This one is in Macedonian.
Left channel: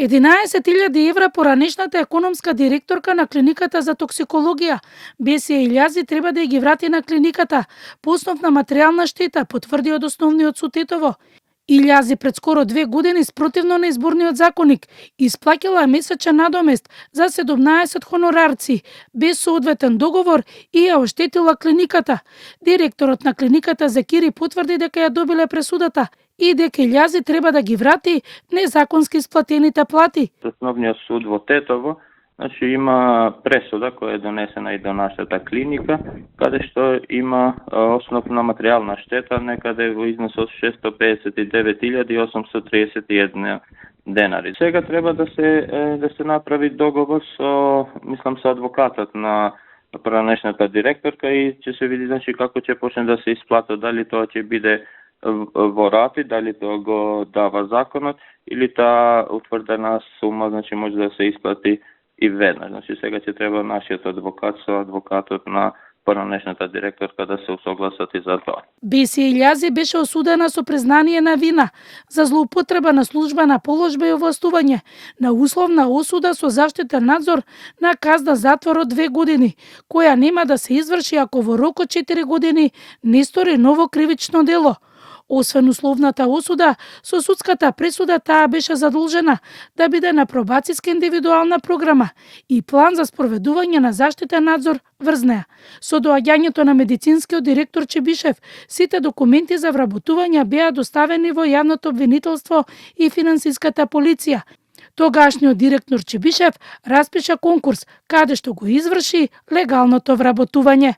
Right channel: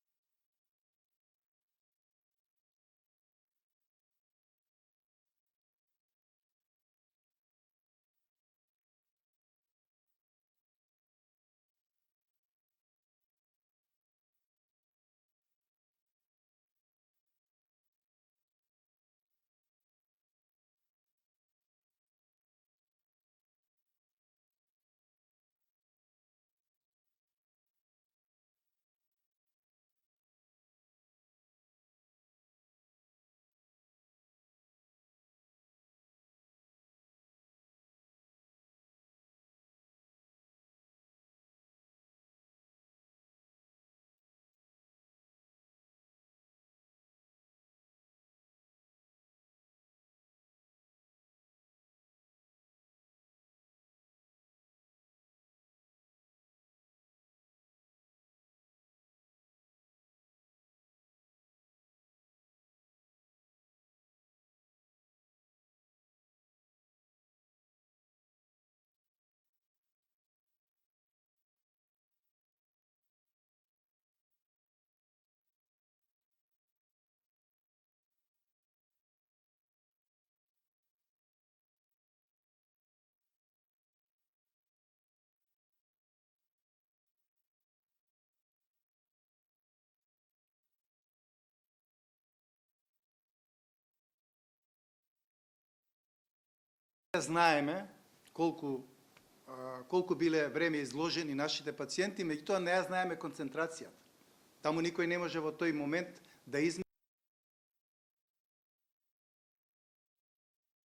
11.000 евра поранешната економска директорка на клиниката за токсикологија Бесија Илјази треба да ги врати на клиниката по основ на материјална штета, потврди од основниот суд Тетово. Илјази пред скоро 2 години спротивно на изборниот законник исплаќала месечен надомест за 17 хонорарци без соодветен договор и ја оштетила клиниката. Директорот на клиниката Закири потврди дека ја добиле пресудата и дека Илјази треба да ги врати незаконски исплатените плати. Основниот суд во Тетово има пресуда која е донесена и до нашата клиника, каде што има основна материјална штета некаде во износ од 659.831 денари. Сега треба да се направи договор со адвокатот на поранешната директорка и ќе се види како ќе почне да се исплата, дали тоа ќе биде во рати, дали тоа го дава законот или таа утврдена сума може да се исплати и веднаш. Сега ќе треба нашиот адвокат со адвокатот на поранешната директорка да се усогласат и за тоа. Бесија Илјази беше осудена со признание на вина за злоупотреба на службена положба и овластување, на условна осуда со заштитен надзор на казна затвор од 2 години, која нема да се изврши ако во рок од 4 години не стори ново кривично дело. Освен условната осуда, со судската пресуда таа беше задолжена да биде на пробацијска индивидуална програма и план за спроведување на заштитен надзор врз неа. Со доаѓањето на медицинскиот директор Чебишев, сите документи за вработување беа доставени во јавното обвинителство и финансиската полиција. Тогашниот директор Чебишев распиша конкурс, каде што го изврши легалното вработување.